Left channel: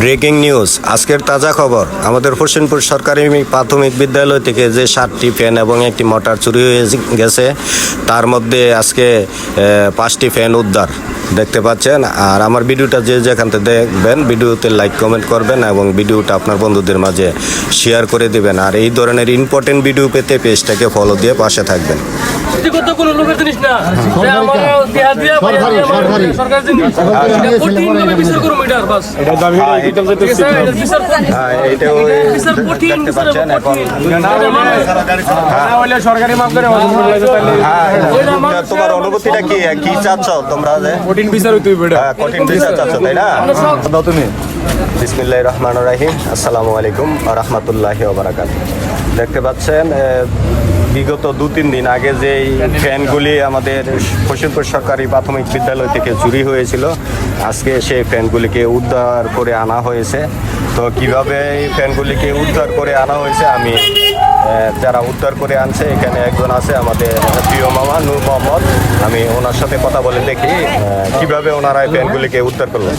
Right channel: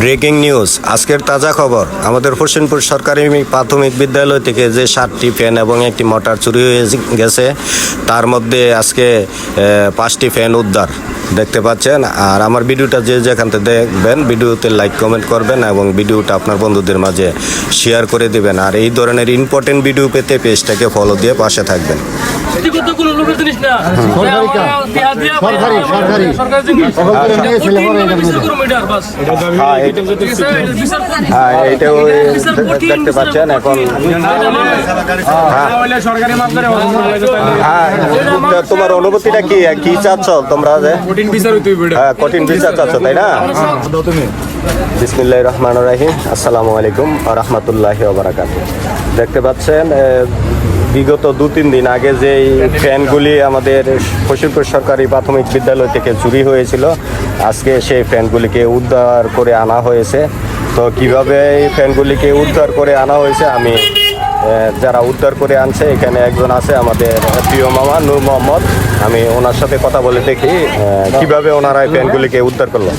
Breaking news, আজকের তাজা খবর। আমাদের হোসেনপুর সরকারি প্রাথমিক বিদ্যালয় থেকে যে 7টি ফ্যান এবং একটি মোটর চুরি হয়ে গেছে, তার মধ্যে আজকে 5টি ফ্যান উদ্ধার দেখতে পাচ্ছেন। আর আমার ভিডিওটা যে যেখান থেকে দেখবেন, ভিডিওতে লাইক কমেন্ট করবেন এবং ভিডিওটা আপনার বন্ধুদের মাঝে শেয়ার করে দেবেন। আর এই ধরনের ইম্পর্টেন্ট ভিডিও পেতে পেজটাকে ফলো দিয়ে পাশে থাকবেন। অনুভূতিটা কি চাচ্ছ তোমরা? কঠিন বিচার চাচ্ছ, তাই না? বিসমিল্লাহির রহমানির রহিম। আসসালামু আলাইকুম ওয়া রাহমাতুল্লাহি ওয়া বারাকাতুহু। দেখতে পাচ্ছেন, বিগত 2-3 দিন আগে যেই ফ্যানগুলি আমাদের হোসেনপুর সরকারি প্রাথমিক বিদ্যালয় থেকে চুরি হয়েছিল, আজকে সেই ফ্যানগুলিকে উদ্ধার করে আনা হয়েছে। তো কিভাবে এই ফ্যানগুলিকে উদ্ধার করে আনা হয়েছে, আমি যারা উদ্ধার করে আনছে, এখানে একজন আছে আমাদের প্রিয় মামা নূর মোহাম্মদ। আমি ওনার সাথে কথা বলে দেখি কিভাবে ওনারা এই ফ্যানগুলিকে উদ্ধার করলেন।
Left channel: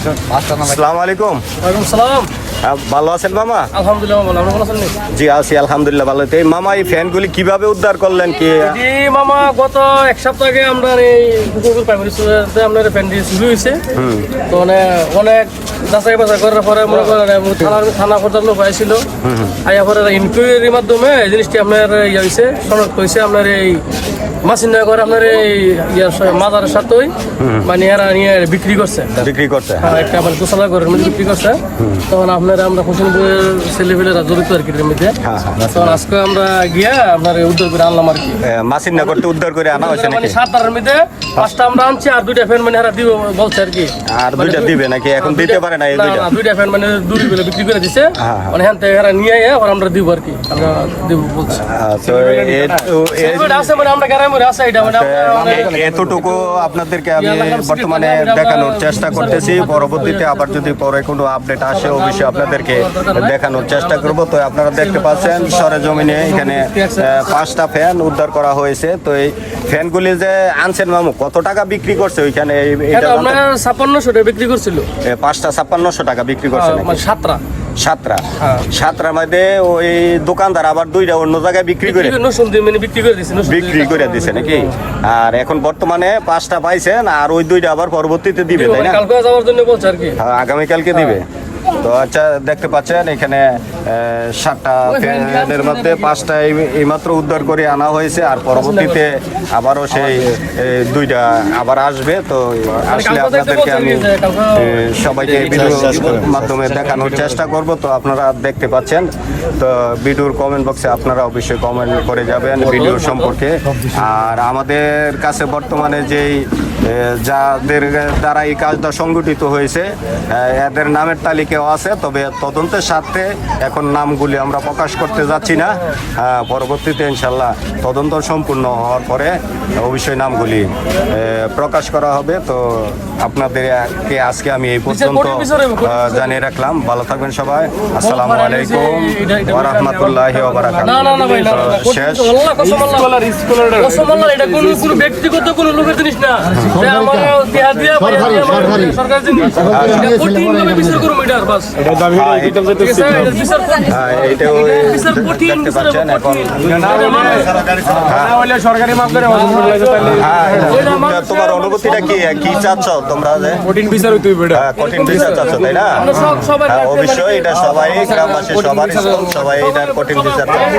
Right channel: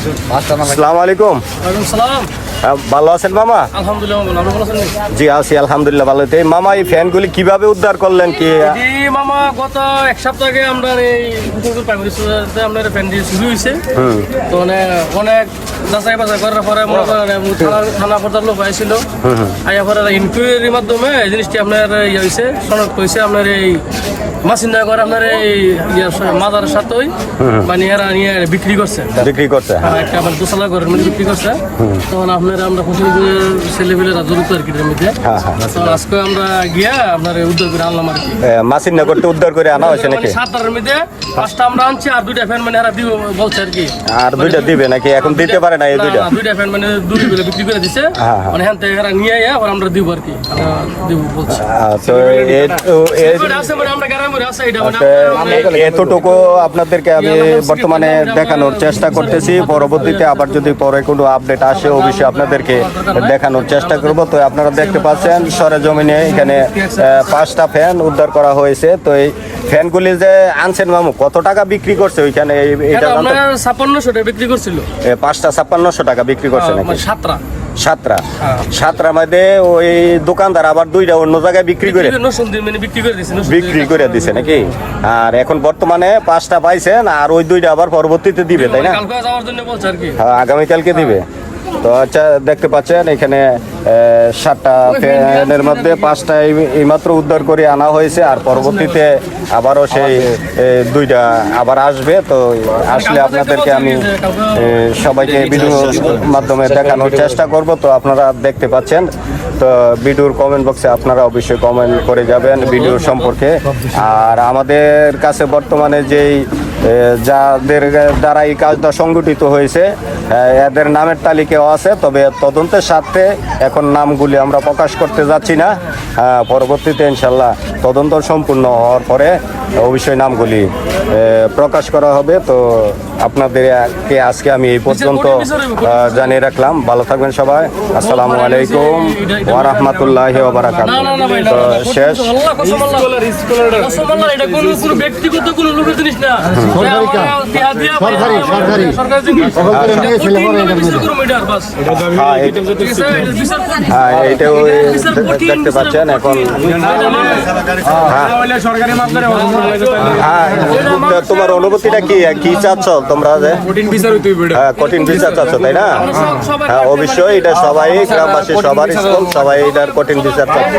আসসালামু আলাইকুম। ওয়ালাইকুম সালাম। ভালো আছেন মামা? আলহামদুলিল্লাহ ভালো আছেন? জি আছি আলহামদুলিল্লাহ ভালো। মামা, এই ফ্যানগুলি কিভাবে উদ্ধার করলেন? কি জি মামা, গত এক সপ্তাহ আগে আমরা এই প্রাইমারি স্কুলে আপনার ফ্যান দিয়ে শুরু হয়েছে। তো মানে অনেক যাচাই বাছাই করার পরে মনে করেন থানা পর্যায়ের লোক হয়েছিল, আইয়া পরে ইনকোয়ারির মাধ্যমে এই জিনিসটি আপনার ইয়ে হয়েছে, শনাক্ত হয়েছে। আপনার এই মাসিন্দা করে আপনার এই মাদার সাথেই মানে এরা নিয়ে বিক্রি করছে একটা মানে দোতলা ঘরের মধ্যে বিক্রি করছে। তখন আপনার আমরা হোসেনপুর ছেলেপেলেরা জড়িত আর কি এর মধ্যে। তখন আজকে আমরা গিয়া আপনার উদ্ধার করে আনলাম আর কি। মাসিন্দা করতে উদ্ধার করে আনা হয়েছে মানে 7টার মধ্যে 5টা আমরা আনছি, আর 2টা ফ্যান মানে এরা দিব বলছে আর কি। আর 2টা দিবে নাকি? এখন দিতে পারে না? এই 2টা ফ্যান মানে 2টি করে বিক্রি করে দিছে, মানে হ্যাঁ এরা নিয়ে আর আমরা দিব আর কি। আমরা দিব বলছি আছে মানে আমরা গ্রামের আছে এটা মানে এতটুকু আপনাদেরকে আমি বর্তমানে দেখানোর চেষ্টা করতেছি। পরবর্তীতে আবার যদি পরে কোনো আপডেট আসে, অবশ্যই আপনাদেরকে দেখানোর চেষ্টা করব। তো আপনারা দেখতে পাচ্ছেন সরেজমিনে এখানে 5টা ফ্যান উদ্ধার করা হয়েছে। তো এই ফ্যানগুলি যে আনছেন মামু, কত টাকা বিক্রি করছে ওইখানে? আপনার 5600 টাকা বিক্রি করছিল। 5টা 5600 টাকা বিক্রি করছে, মানে 7টা। 7টা মধ্যে ওই দোকানদার আবার 2টা অন্য জায়গায় বিক্রি করে দিছে নাকি? আর এখন বর্তমানে 5টা পাইছেন, আর ওই 2টা আবার পরবর্তীতে দিবে, কালকে যাওয়ার জন্য বলছে আর কি। আগামীকালকে দিবে। তো আচ্ছা, দেখতে পাচ্ছেন এখানে 7টা ফ্যানের মধ্যে 5টা এইমাত্র উদ্ধার করে আনা হয়েছে, আর পরবর্তীতে আবারও সেই 2টা আবার আসবে। তো আসলে আপনাদেরকে আমি সবাইকে ভিডিওর মাধ্যমে দেখানোর চেষ্টা করব। তো আপনারা দেখতে পাচ্ছেন, তো ভিডিওর কমেন্ট বক্সে আপনারা অবশ্যই কমেন্ট করে যাবেন ভিডিও সম্পর্কে। আর আমাদের কাছে বর্তমানে যেই যাদের দ্বারা এই কাজটা সংগঠিত হয়েছে, এদের নামের তালিকাও আছে, তবে তদন্তের স্বার্থে এখন নামগুলি আমরা প্রকাশ করতে যাচ্ছি না। পরবর্তীতে ইনশাল্লাহ তদন্ত সম্পূর্ণ হওয়ার পরে অবশ্যই নামগুলি প্রকাশ করা হবে। তো আপনাদেরকে আজকে আমি এই পর্যন্ত জানিয়ে রাখলাম। ভালো থাকবেন সবাই। আসসালামু আলাইকুম ওয়া রাহমাতুল্লাহি ওয়া বারাকাতুহু। শেষ। এটা কোনো ব্যক্তিগত কোনো লোকের জিনিস না, সরকার জিনিস। অনুভূতিটা কি চাচ্ছ তোমরা? কঠিন বিচার চাচ্ছ, তাই না? অবশ্যই এটা সবাই গ্রামবাসী সবাই এটার কঠিন বিচার চাচ্ছ।